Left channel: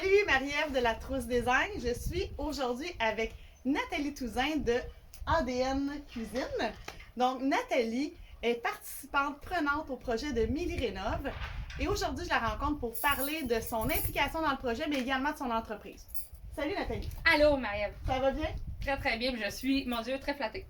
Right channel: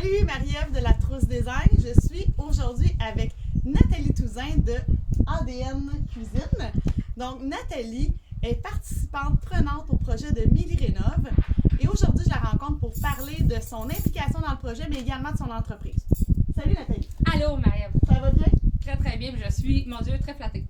Salut Marie-Ève de la Trousse Design. Je suis aujourd'hui avec Nathalie Touzin de ADN Cuisine. Donc Nathalie est participante prenante au projet de Milly Rénov. Et aujourd'hui, je la rencontre pour parler de son implication dans le projet, mais également de son entreprise. Salut Nathalie. Allô Marie-Ève. Ça va bien? Très très bien. Je suis, mon Dieu, très flattée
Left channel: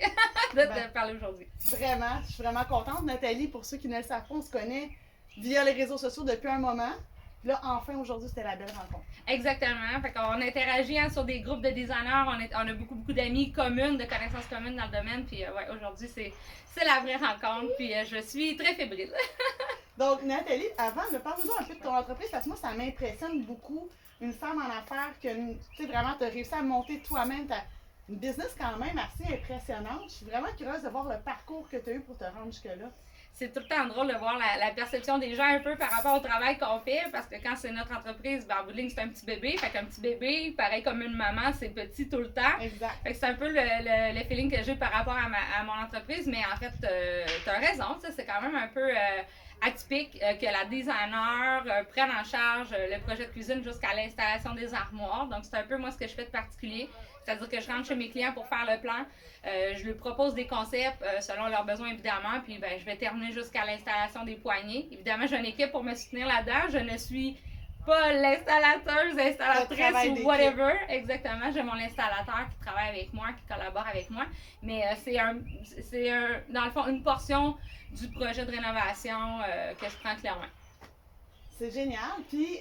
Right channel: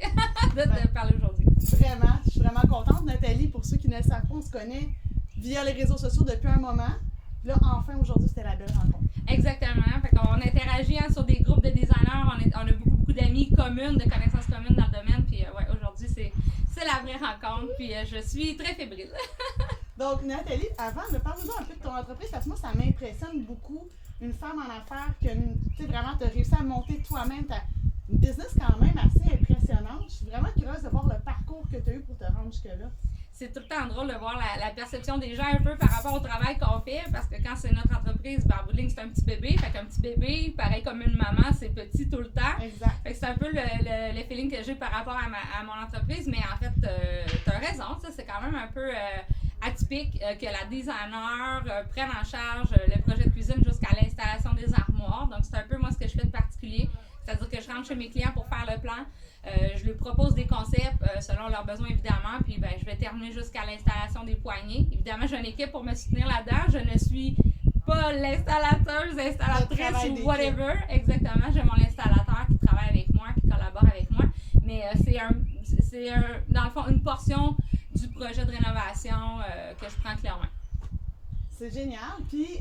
de te parler aujourd'hui. Vraiment, je suis vraiment contente. Nathalie, pour ceux qui ne le savent pas, on se connaît via les réseaux sociaux depuis un moment. Là, enfin, aujourd'hui, c'était la belle rencontre. Exactement. Fait qu'on interagit sur des groupes de designers. On a beaucoup d'amis communes, de connaissances communes dans le domaine. Puis ouais, aujourd'hui, c'est la vraie rencontre. Puis je suis très fébrile. Donc, Nathalie, avant, parle-nous un peu de ton entreprise, parce que moi, ça m'impressionne beaucoup. Une femme en affaires que, tu sais, vraiment, tu as réussi à monter toi-même une business quand même assez impressionnante. Je suis vraiment curieuse de voir le parcours que tu as eu pour te rendre jusque-là. C'est tout le temps drôle de voir la perception des gens un peu par rapport au travail qu'on fait, parce que quand c'est notre entreprise, en bout de ligne, c'est un petit bébé. Fait qu'un petit bébé, pareil comme une maman, c'est petit tout le temps. Exact. Fait que c'est un peu le feeling que j'ai par rapport à mon entreprise, mais en fait, t'as raison, c'est quand même un peu atypique que la designer prenne en charge le projet de cuisine jusqu'à l'installation des armoires. Donc, c'est un peu moi ce que je fais de particulier. C'est-à-dire que je rentre chez mes clients pour faire le plan. Je lui propose des concepts selon leurs besoins, évidemment. Puis, je vais terminer jusqu'à l'installation des poignées. Évidemment, j'ai une équipe pour me soutenir là-dedans. Je ne suis pas l'installatrice ou whatever. Exactement. J'ai mon installateur qui travaille avec moi, qui collabore avec moi. Mais c'est dans le fond, une portion du projet de rénovation que je prends clairement. C'est génial. Puis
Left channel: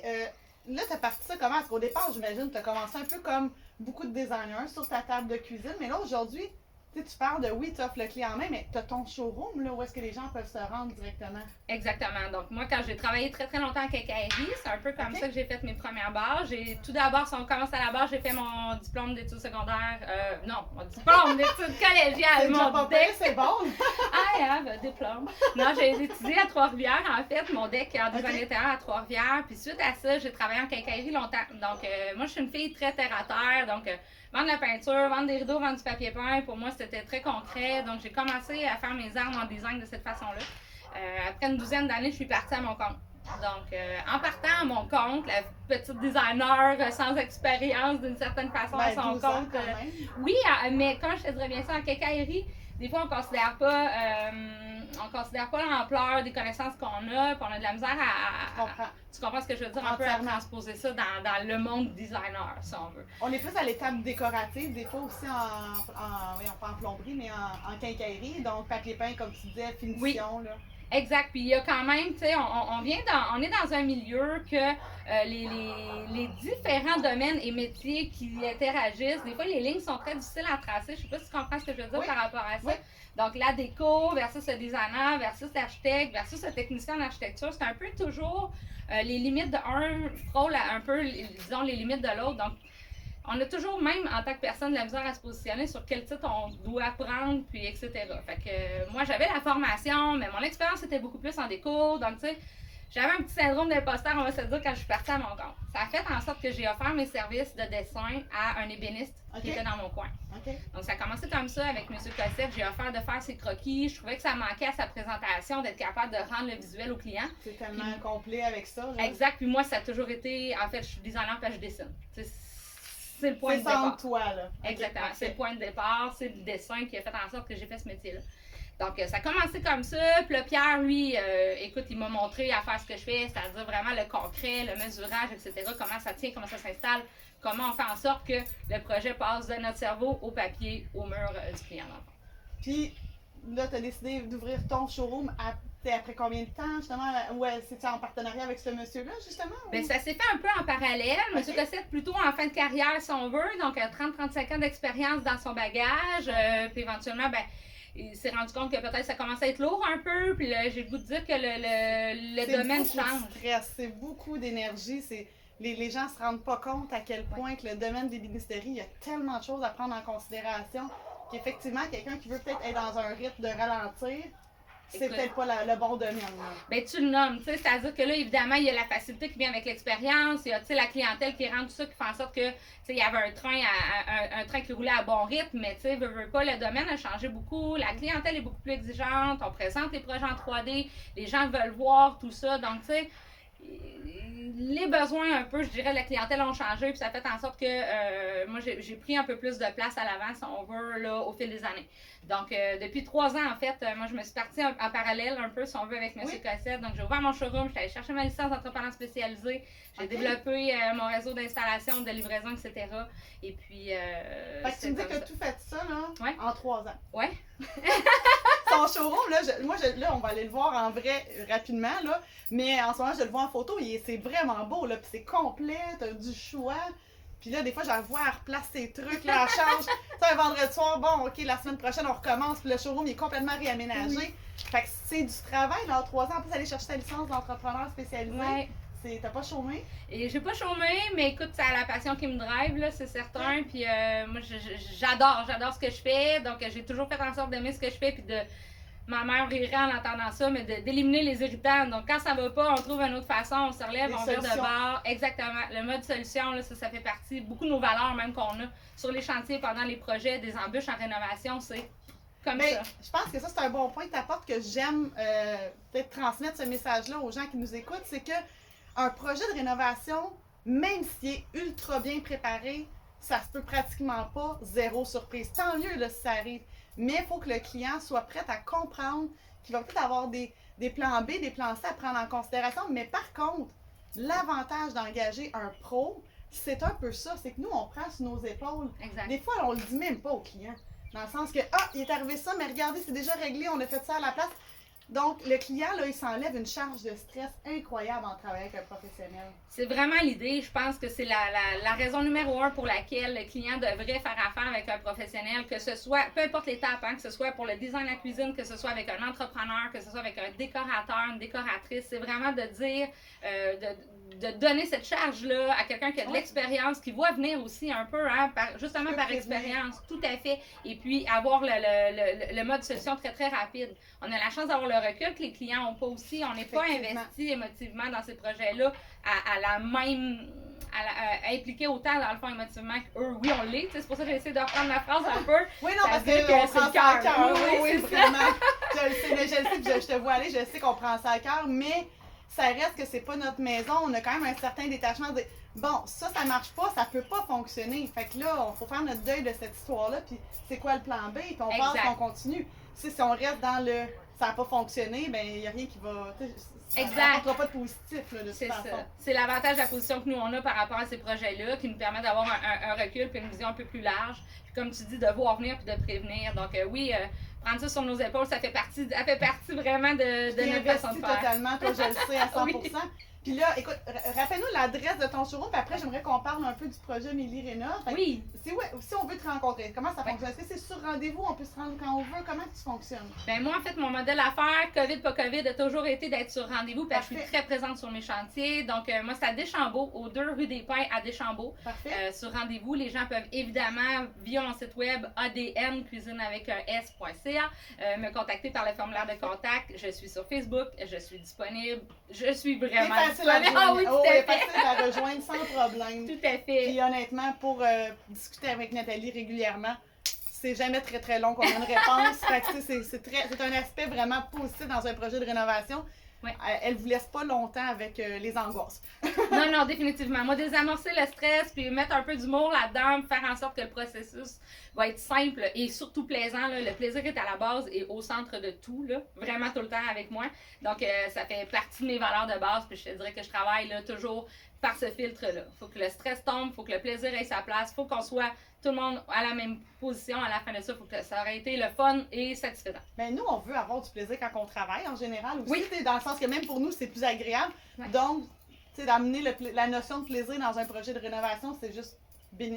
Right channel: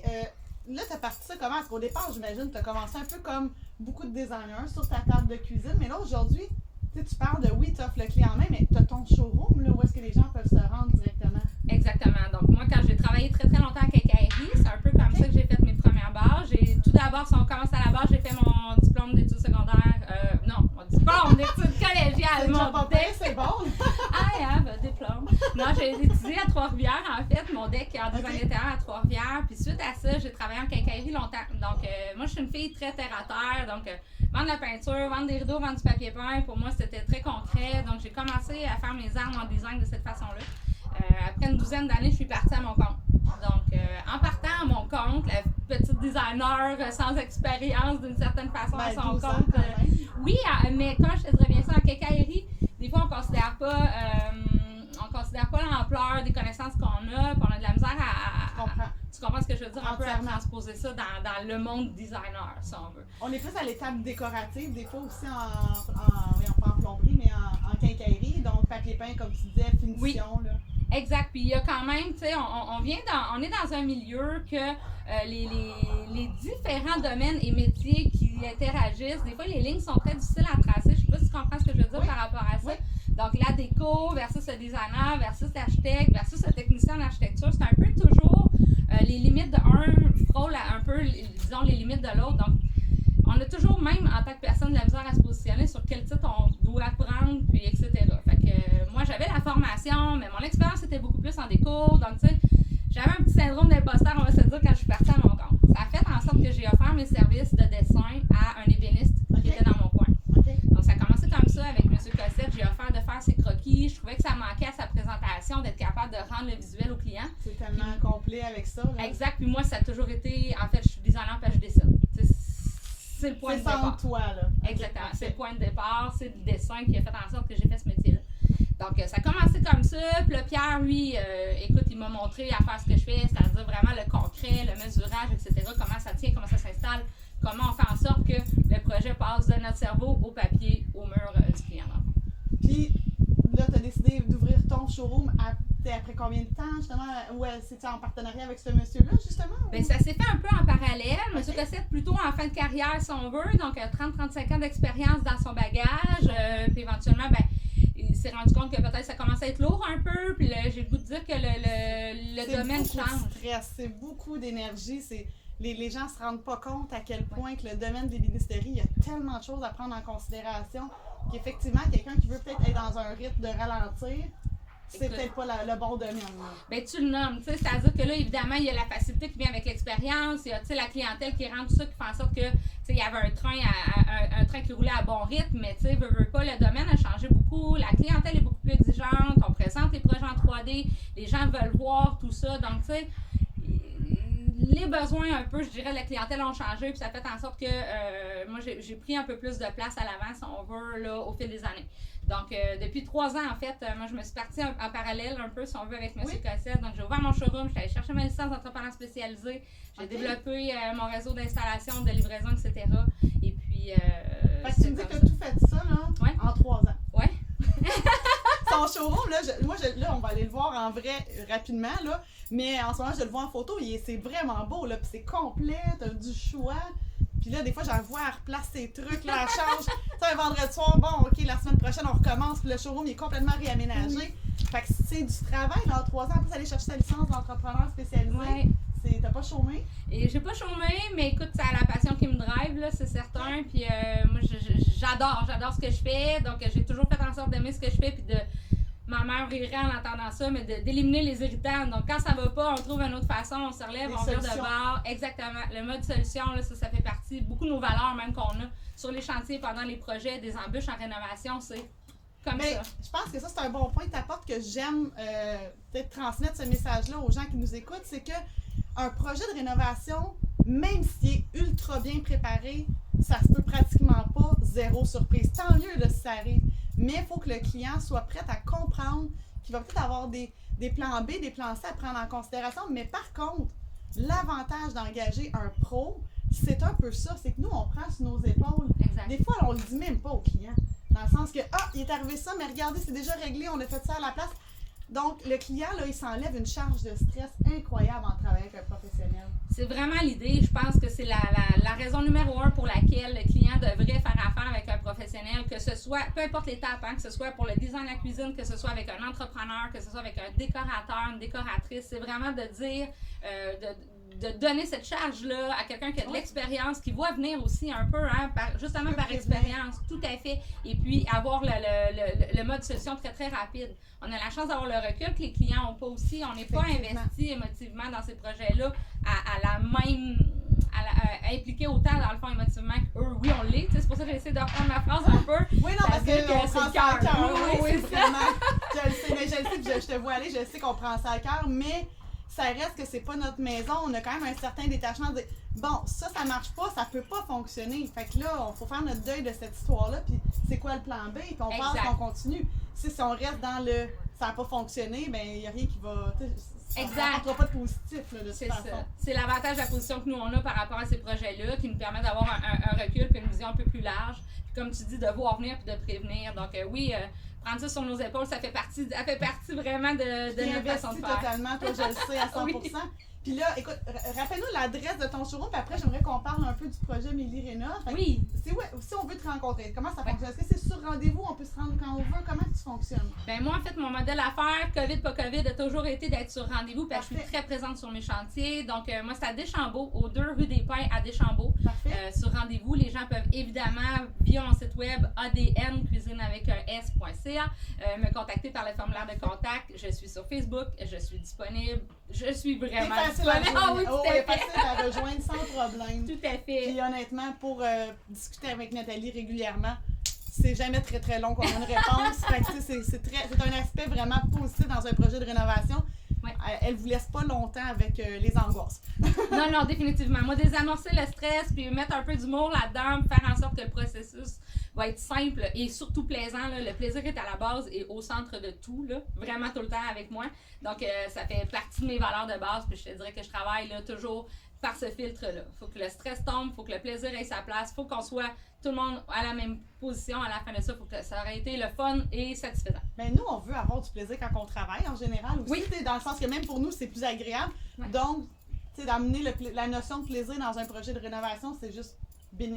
là, tu as parti ça comment? Parce qu'au départ, j'imagine que tu as commencé un peu comme beaucoup de designers sur ta table de cuisine. Mais là, aujourd'hui, tu parles de oui, tu offres le clé en main, mais tu as ton showroom là, où est-ce que les gens peuvent se rendre directement? Exactement. Donc, moi, quand j'ai travaillé très très longtemps en quincaillerie, c'est un peu comme ça que j'ai fait mes premières bases. Tout d'abord, si on commence à la base, j'ai fait mon diplôme d'études secondaires. Mon diplôme d'études collégiales. C'est bon! I have a diplôme. Non, j'ai étudié à Trois-Rivières, en fait, mon DEC en design intérieur à Trois-Rivières. Puis suite à ça, j'ai travaillé en quincaillerie longtemps. Donc, moi, je suis une fille très terre-à-terre. Donc, vendre de la peinture, vendre des rideaux, vendre du papier peint, pour moi, c'était très concret. Donc, j'ai commencé à faire mes armes en design de cette façon-là. Après une douzaine d'années, je suis partie à mon compte. Donc, en partant à mon compte, la petite designer sans expérience d'une certaine façon à son compte. Oui, mais comme je te dirais bien ça, en quincaillerie, des fois, on considère pas l'ampleur des connaissances qu'on a, puis on a de la misère tu comprends ce que je veux dire? Un peu à transposer ça dans le monde designer, si on veut. On est plus à l'étape décorative, des fois aussi pas en plomberie, mais en quincaillerie, donc papier peint, comme tu disais, finition. Oui. Là. Exact. Puis il y a quand même, tu sais, on est dans un milieu que les différents domaines et métiers qui interagissent, des fois les lignes sont très difficiles à tracer. Je sais pas si tu comprends ce que je veux dire par rapport à ça. Oui. Donc la déco versus le designer versus l'architecte versus le technicien en architecture, c'est un peu toujours les limites d'un frôle un peu, disons, les limites de l'autre. Donc on a toujours, même en tant que personne, de la misère à se positionner sur quel titre on doit prendre, puis etc. Fait que moi, j'avais la formation, mais mon expérience était beaucoup plus en déco. Donc, tu sais, j'avais un petit syndrome d'imposteur, on va se dire, quand je suis partie à mon compte. Ça a fait en sorte que j'ai offert mes services de dessin à un ébéniste qui était dans mon coin. Donc, ça a commencé comme ça avec M. Cossette. J'ai offert de faire ses croquis. Je trouvais que ça manquait à sa présentation, d'être capable de rendre le visuel au client. C'est tellement complet avec ça. Là. Exact. Puis moi, ça a toujours été, en fait, je suis designer, puis je dessine. C'est le point de départ. C'est toi, là. Exactement. Okay. C'est le point de départ, c'est le dessin qui a fait en sorte que j'ai fait ce métier-là. Donc, ça a commencé comme ça. Puis là, Pierre, lui, écoute, il m'a montré à faire ce que je fais, c'est-à-dire vraiment le concret, le mesurage, etc. Comment ça tient, comment ça s'installe, comment on fait en sorte que le projet passe de notre cerveau au papier, au mur du client. Puis là, tu as décidé d'ouvrir ton showroom après combien de temps, justement? Ouais, c'était en partenariat avec ce monsieur-là, justement? Bien, ça s'est fait un peu en parallèle. Monsieur Cossette, plutôt en fin de carrière, si on veut. Donc, 30-35 ans d'expérience dans son bagage. Puis éventuellement, il s'est rendu compte que peut-être ça commençait à être lourd un peu. Puis là, j'ai le goût de dire que le domaine change. C'est beaucoup d'énergie. Les gens ne se rendent pas compte à quel point que le domaine des ministéries, il y a tellement de choses à prendre en considération qu'effectivement, quelqu'un qui veut peut-être être dans un rythme de ralentir, c'est peut-être pas le bon domaine. Bien, tu le nommes, tu sais, c'est-à-dire que là, évidemment, il y a la facilité qui vient avec l'expérience, il y a, tu sais, la clientèle qui rentre, tout ça, qui fait en sorte que, tu sais, il y avait un train qui roulait à bon rythme, mais tu sais, veut pas, le domaine a changé beaucoup, la clientèle est beaucoup plus exigeante, on présente les projets en 3D, les gens veulent voir tout ça, donc, tu sais, les besoins un peu, je dirais, de la clientèle ont changé, puis ça fait en sorte que moi, j'ai pris un peu plus de place à l'avant, si on veut, là, au fil des années. Donc, depuis 3 ans, en fait, moi, je me suis partie en parallèle un peu, si on veut, avec M. Cossette. Donc, j'ai ouvert mon showroom, j'étais allée chercher ma licence d'entrepreneur spécialisé. J'ai développé mon réseau d'installation, de livraison, etc. Et puis... fait que tu me dis que tu as tout fait ça, là, en 3 ans. Oui. Ton showroom, là, là, on va aller le voir en vrai rapidement, là. Mais en ce moment, je le vois en photo, c'est vraiment beau, là. Puis c'est complet, t'as du choix. Puis là, des fois, j'en vois, elle replace ses trucs, là, elle change. Tu sais, un vendredi soir, bon, OK, la semaine prochaine, on recommence. Puis le showroom, il est complètement réaménagé. Oui. Fait que c'est du travail, dans 3 ans. En plus, aller chercher ta licence d'entrepreneur spécialisé. Ouais. T'as pas chômé? Et j'ai pas chômé, mais écoute, c'est la passion qui me drive, là, c'est certain. Puis moi, j'adore ce que je fais. Donc, j'ai toujours fait en sorte d'aimer ce que je fais. Puis ma mère rirait en entendant ça, mais d'éliminer les irritants. Donc, quand ça va pas, on trouve une autre façon, on se relève, on vire de bord. Exactement. Le mode solution, là, ça fait partie, beaucoup de nos valeurs même qu'on a sur les chantiers pendant les projets, des embûches en rénovation, c'est comme ça. Je pense que ça, c'est un bon point que tu apportes, que j'aime peut-être transmettre ce message-là aux gens qui nous écoutent, c'est que un projet de rénovation, même s'il est ultra bien préparé, ça se peut pratiquement pas zéro surprise. Tant mieux là, si ça arrive. Mais il faut que le client soit prêt à comprendre qu'il va peut-être avoir des plans B, des plans C à prendre en considération. Mais par contre, l'avantage d'engager un pro, c'est un peu ça. C'est que nous, on prend sur nos épaules. Exact. Des fois, on le dit même pas au client. Dans le sens que, il est arrivé ça, mais regardez, c'est déjà réglé, on a fait ça à la place. Donc, le client, là, il s'enlève une charge de stress incroyable en travaillant avec un professionnel. C'est vraiment l'idée. Je pense que c'est la raison numéro 1 pour laquelle le client devrait faire affaire avec un professionnel, que ce soit, peu importe l'étape, que ce soit pour le design de la cuisine, que ce soit avec un entrepreneur, que ce soit avec un décorateur, une décoratrice. C'est vraiment de dire, de donner cette charge-là à quelqu'un qui a de l'expérience, qui voit venir aussi un peu, justement par expérience, tout à fait. Et puis, avoir le mode solution très, très rapide. On a la chance d'avoir le recul que les clients n'ont pas aussi. On n'est pas investi émotivement dans ces projets-là impliqué autant dans le fond émotivement qu'eux. Oui, on l'est. C'est pour ça que j'essaie de reprendre ma phrase un peu. Oui, non, parce qu'on prend ça à cœur. Oui, c'est vraiment. Je le sais, mais je te vois aller, je sais qu'on prend ça à cœur, mais ça reste que c'est pas notre maison. On a quand même un certain détachement de dire, bon, ça marche pas, ça peut pas fonctionner. Fait que là, il faut faire notre deuil de cette histoire-là, puis c'est quoi le plan B, puis on passe, on continue. Si on reste dans le ça n'a pas fonctionné, ben il n'y a rien qui va. Ça n'apportera pas de positif là, de toute façon. C'est l'avantage de la position que nous on a par rapport à ces projets-là, qui nous permet d'avoir un recul et une vision un peu plus large. Puis comme tu dis, de voir venir et de prévenir. Donc oui, prendre ça sur nos épaules, ça fait partie vraiment de notre façon de faire. Totalement, toi je le sais à 100%. Oui. Puis là, écoute, rappelle-nous l'adresse de ton showroom, puis après, j'aimerais qu'on parle un peu du projet Mélie Rénov. Oui. Si on veut te rencontrer, comment ça fonctionne? Est-ce que c'est sur rendez-vous, on peut se rendre quand on veut? Comment tu fonctionnes? Ben moi, en fait, mon modèle d'affaires, COVID, pas COVID, a toujours été d'être sur rendez-vous, parce que je suis très présente sur mes chantiers. Donc, moi, c'est à Deschambault, aux 2 rue des Pins à Deschambault. Parfait. Sur rendez-vous, les gens peuvent évidemment, via mon site web, ADN, cuisine avec un S.ca, me contacter par le formulaire de contact. Je suis sur Facebook, je suis disponible. Je suis vraiment disponible. Ah oui, facile à rejoindre sans problème. Tout à fait. Puis honnêtement, pour discuter avec Nathalie régulièrement, c'est jamais très très long qu'on a une réponse. Fait que, c'est un aspect vraiment positif dans un projet de rénovation. Ouais. Elle vous laisse pas longtemps avec les angoisses. Non, définitivement. Moi, désamorcer le stress, puis mettre un peu d'humour là-dedans, faire en sorte que le processus va être simple et surtout plaisant. Là. Le plaisir est à la base et au centre de tout, là, vraiment tout le temps avec moi. Donc, ça fait partie de mes valeurs de base, puis je te dirais que je travaille là, toujours par ce filtre-là. Il faut que le stress tombe, il faut que le plaisir ait sa place, il faut qu'on soit tout le monde à la même position à la fin de ça, il faut que ça aurait été le fun et satisfaisant. Mais nous, on veut avoir du plaisir quand on travaille en général aussi, oui. Dans le sens que même pour nous, c'est plus agréable. Ouais. Donc, d'amener la notion de plaisir dans un projet de rénovation, c'est juste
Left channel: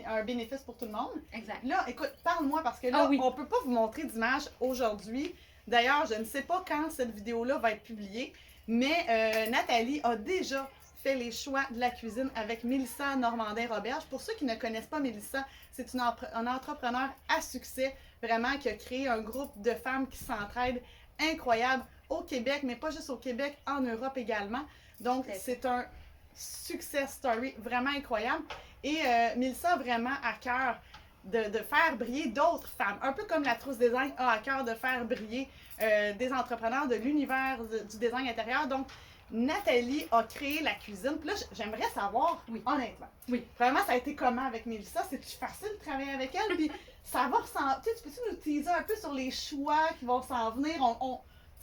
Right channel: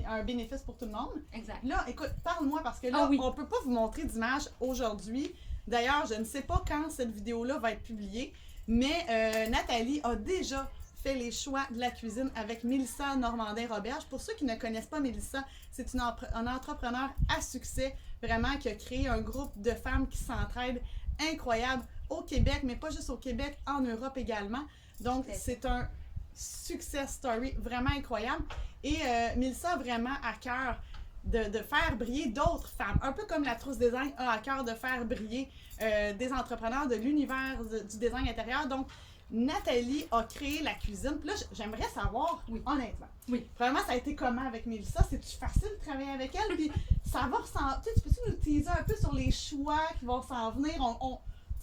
un bénéfice pour tout le monde. Exact. Là, écoute, parle-moi parce que là, on peut pas vous montrer d'image aujourd'hui. D'ailleurs, je ne sais pas quand cette vidéo-là va être publiée, mais Nathalie a déjà fait les choix de la cuisine avec Mélissa Normandin-Roberge. Pour ceux qui ne connaissent pas Mélissa, c'est un entrepreneur à succès, vraiment, qui a créé un groupe de femmes qui s'entraident incroyable au Québec, mais pas juste au Québec, en Europe également. Donc, c'est un success story vraiment incroyable. Et Mélissa a vraiment à cœur de faire briller d'autres femmes. Un peu comme la Trousse Design a à cœur de faire briller des entrepreneurs de l'univers du design intérieur. Donc, Nathalie a créé la cuisine. Puis là, j'aimerais savoir, honnêtement. Oui. Premièrement, ça a été comment avec Mélissa? C'est-tu facile de travailler avec elle? Puis ça va ressembler. Tu peux-tu nous teaser un peu sur les choix qui vont s'en venir?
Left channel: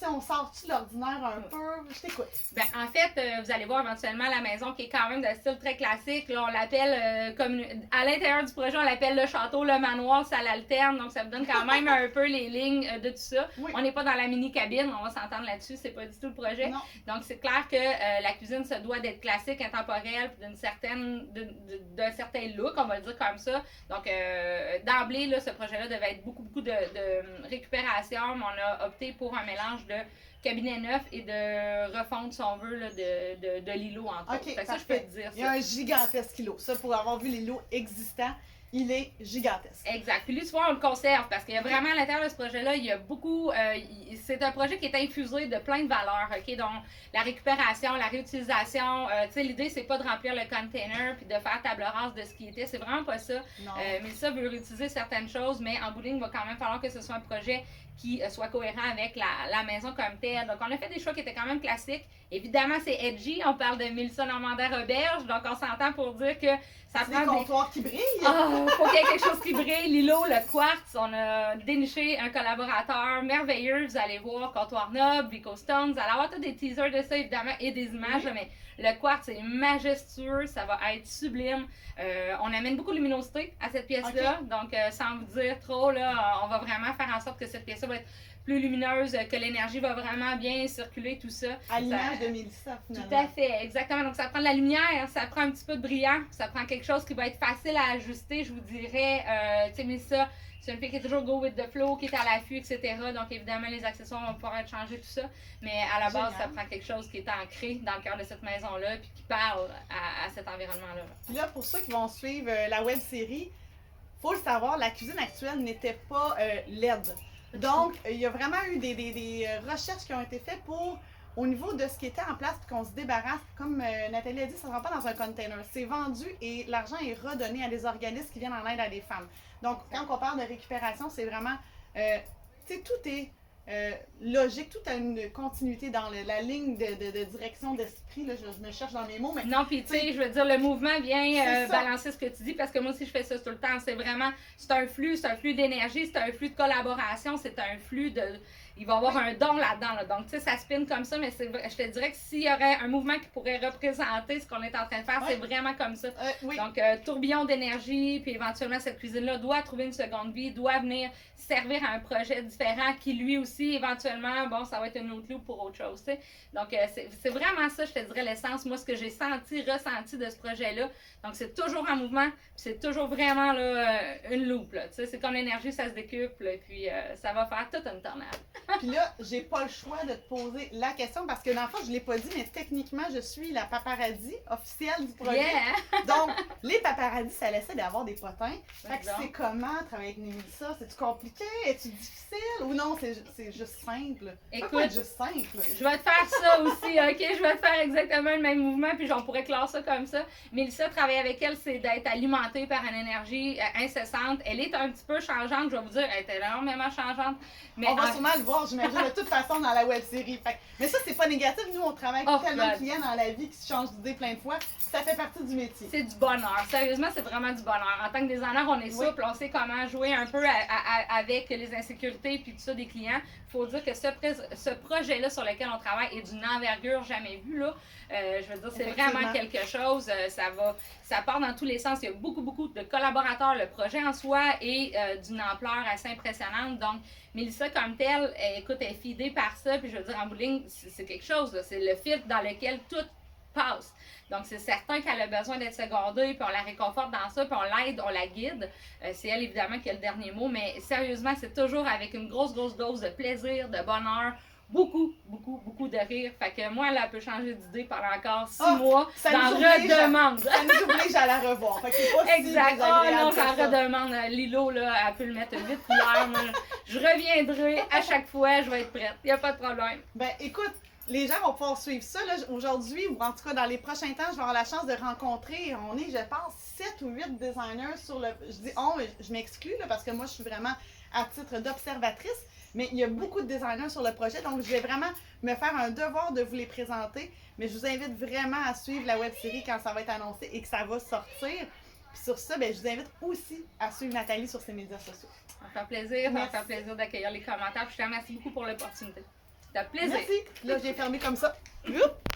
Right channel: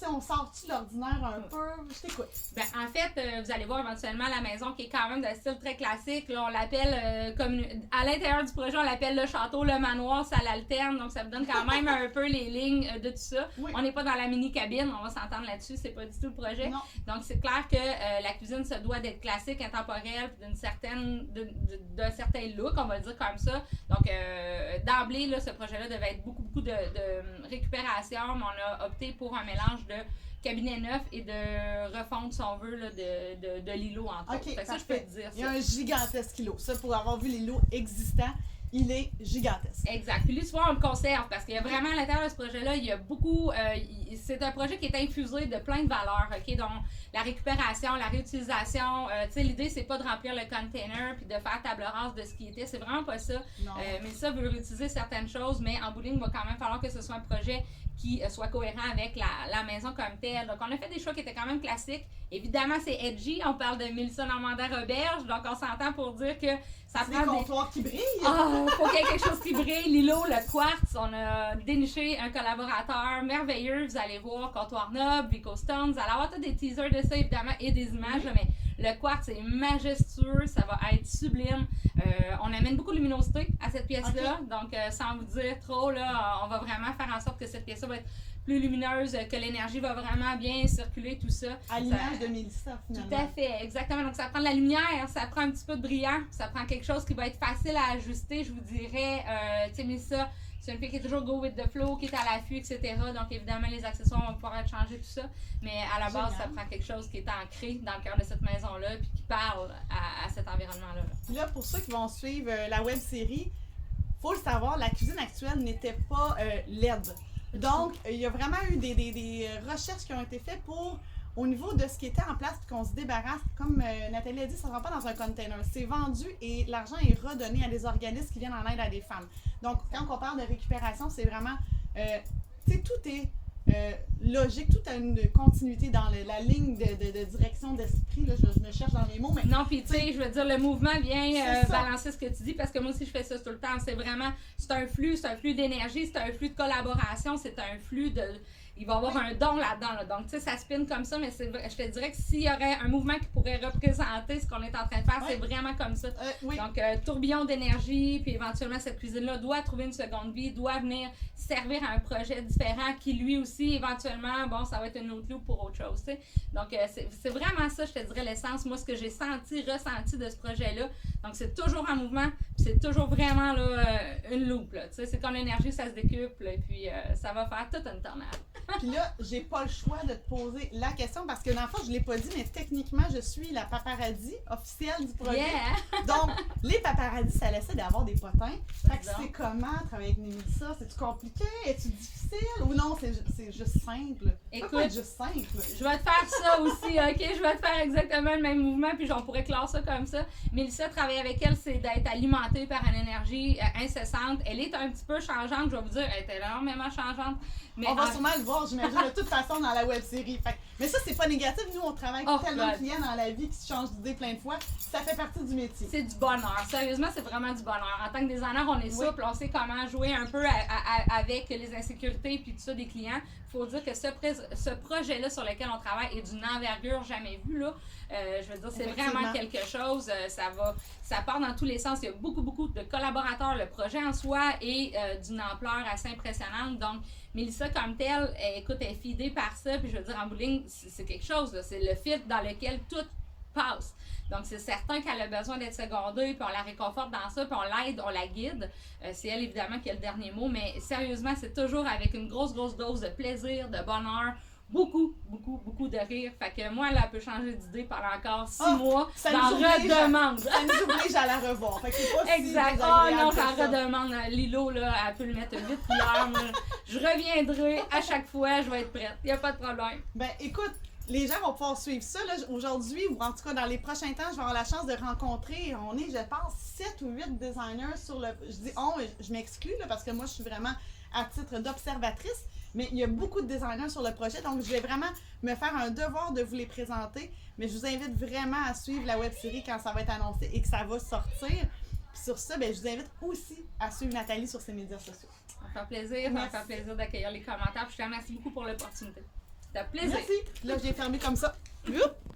On sort-tu de l'ordinaire un peu? Je t'écoute. Ben, en fait, vous allez voir éventuellement la maison qui est quand même de style très classique. Là, on l'appelle, comme à l'intérieur du projet, on l'appelle le château, le manoir, ça l'alterne. Donc, ça vous donne quand même un peu les lignes de tout ça. Oui. On n'est pas dans la mini-cabine, on va s'entendre là-dessus, c'est pas du tout le projet. Non. Donc, c'est clair que la cuisine se doit d'être classique, intemporelle, puis d'un certain look, on va le dire comme ça. Donc, d'emblée, là, ce projet-là devait être beaucoup de récupération, mais on a opté pour un mélange de cabinet neuf et de refonte, si on veut, là, de l'îlot en OK, fait. Ça, je peux te dire. Il y a un gigantesque îlot. Ça, pour avoir vu l'îlot existant, il est gigantesque. Exact. Puis lui, souvent, on le conserve parce qu'il y a vraiment à l'intérieur de ce projet-là, il y a beaucoup. C'est un projet qui est infusé de plein de valeurs, OK? Donc, la récupération, la réutilisation. Tu sais, l'idée, c'est pas de remplir le container puis de faire table rase de ce qui était. C'est vraiment pas ça. Mais ça veut réutiliser certaines choses, mais en bout de ligne, il va quand même falloir que ce soit un projet qui soit cohérent avec la maison comme telle. Donc, on a fait des choix qui étaient quand même classiques. Évidemment, c'est edgy. On parle de Mélissa Normandin-Roberge. Donc, on s'entend pour dire que ça c'est prend des comptoirs qui brillent. Faut qu'il y ait quelque chose qui brille. L'îlot, le quartz, on a déniché un collaborateur merveilleux. Vous allez voir Comptoir Noble, Vico Stone. Vous allez avoir tous des teasers de ça, évidemment, et des images. Mais le quartz est majestueux. Ça va être sublime. On amène beaucoup de luminosité à cette pièce-là. Donc, sans vous dire trop, là, on va vraiment faire en sorte que cette pièce-là va être plus lumineuse, que l'énergie va vraiment bien circuler, tout ça. À l'image de Mélissa, finalement. Tout à fait, exactement. Donc, ça prend de la lumière, ça prend un petit peu de brillant, ça prend quelque chose qui va être facile à ajuster, je vous dirais. Tu sais, Mélissa, c'est une fille qui est toujours go with the flow, qui est à l'affût, etc. Donc, évidemment, les accessoires vont pouvoir être changés, tout ça. Mais à la base, ça prend quelque chose qui est ancré dans le cœur de cette maison-là, puis qui parle à cet environnement-là. Puis là, pour ceux qui vont suivre la web série, faut le savoir, la cuisine actuelle n'était pas LED. Donc, il y a vraiment eu des recherches qui ont été faites pour, au niveau de ce qui était en place, puis qu'on se débarrasse. Comme Nathalie a dit, ça ne rentre pas dans un container. C'est vendu et l'argent est redonné à des organismes qui viennent en aide à des femmes. Donc, quand on parle de récupération, c'est vraiment, tu sais, tout est logique, tout a une continuité dans la ligne de direction d'esprit. Là, je me cherche dans mes mots, mais... Non, puis tu sais, je veux dire, le mouvement vient balancer ce que tu dis, parce que moi aussi, je fais ça tout le temps. C'est vraiment, c'est un flux d'énergie, c'est un flux de collaboration, c'est un flux de... Il va y avoir un don là-dedans. Là. Donc, tu sais, ça spinne comme ça, mais je te dirais que s'il y aurait un mouvement qui pourrait représenter ce qu'on est en train de faire, c'est vraiment comme ça. Donc, tourbillon d'énergie, puis éventuellement, cette cuisine-là doit trouver une seconde vie, doit venir servir à un projet différent qui, lui aussi, éventuellement, bon, ça va être une autre loupe pour autre chose, tu sais. Donc, c'est vraiment ça, je te dirais, l'essence. Moi, ce que j'ai ressenti de ce projet-là. Donc, c'est toujours en mouvement, c'est toujours vraiment là, une loupe, là. Tu sais, c'est comme l'énergie, ça se décuple, et puis ça va faire toute une tornade. Puis là, j'ai pas le choix de te poser la question parce que dans le fond, je l'ai pas dit, mais techniquement, je suis la paparazzi officielle du projet. Yeah. Donc, les paparazzis, ça laissait d'avoir des potins. Fait que c'est comment travailler avec Mélissa? C'est-tu compliqué? Est-tu difficile? Ou non, c'est juste simple? Écoute, pas être juste simple. Je vais te faire ça aussi, OK? Je vais te faire exactement le même mouvement, puis on pourrait clore ça comme ça. Mélissa, travailler avec elle, c'est d'être alimentée par une énergie incessante. Elle est un petit peu changeante, je vais vous dire, elle est énormément changeante. Mais on va sûrement le voir, j'imagine, de toute façon dans la web série. Mais ça, c'est pas négatif. Nous, on travaille avec tellement de clients dans la vie qui se changent d'idée plein de fois. Ça fait partie du métier. C'est du bonheur. Sérieusement, c'est vraiment du bonheur. En tant que designer, on est souple, on sait comment jouer un peu avec les insécurités puis tout ça des clients. Il faut dire que ce projet-là sur lequel on travaille est d'une envergure jamais vue, là. Je veux dire, c'est vraiment quelque chose. Ça part dans tous les sens. Il y a beaucoup de collaborateurs. Le projet en soi est d'une ampleur assez impressionnante. Donc, Mélissa, comme telle, écoute, elle est fidée par ça. Puis, je veux dire, en bout de ligne, c'est quelque chose. C'est le fil dans lequel tout passe. Donc, c'est certain qu'elle a besoin d'être secondée, puis on la réconforte dans ça, puis on l'aide, on la guide. C'est elle, évidemment, qui a le dernier mot. Mais sérieusement, c'est toujours avec une grosse dose de plaisir, de bonheur. Beaucoup de rire. Fait que moi, elle peut changer d'idée pendant encore 6 mois. J'en redemande. Ça nous oblige à la revoir. Fait que c'est pas exact. Si désagréable j'en redemande. Lilo, là, elle peut le mettre vite hier. Je reviendrai à chaque fois. Je vais être prête. Il n'y a pas de problème. Ben, écoute, les gens vont pouvoir suivre ça. Aujourd'hui, ou en tout cas dans les prochains temps, je vais avoir la chance de rencontrer, on est, je pense, 7 ou 8 designers sur le... Je dis on, je m'exclus là, parce que moi, je suis vraiment à titre d'observatrice. Mais il y a beaucoup de designers sur le projet, donc je vais vraiment me faire un devoir de vous les présenter. Mais je vous invite vraiment à suivre la web-série quand ça va être annoncé et que ça va sortir. Puis sur ça, ben, je vous invite aussi à suivre Nathalie sur ses médias sociaux. Ça me fait plaisir, ça me fait plaisir d'accueillir les commentaires. Puis je te remercie beaucoup pour l'opportunité. C'était un plaisir. Merci. Là, j'ai fermé comme ça. Oups.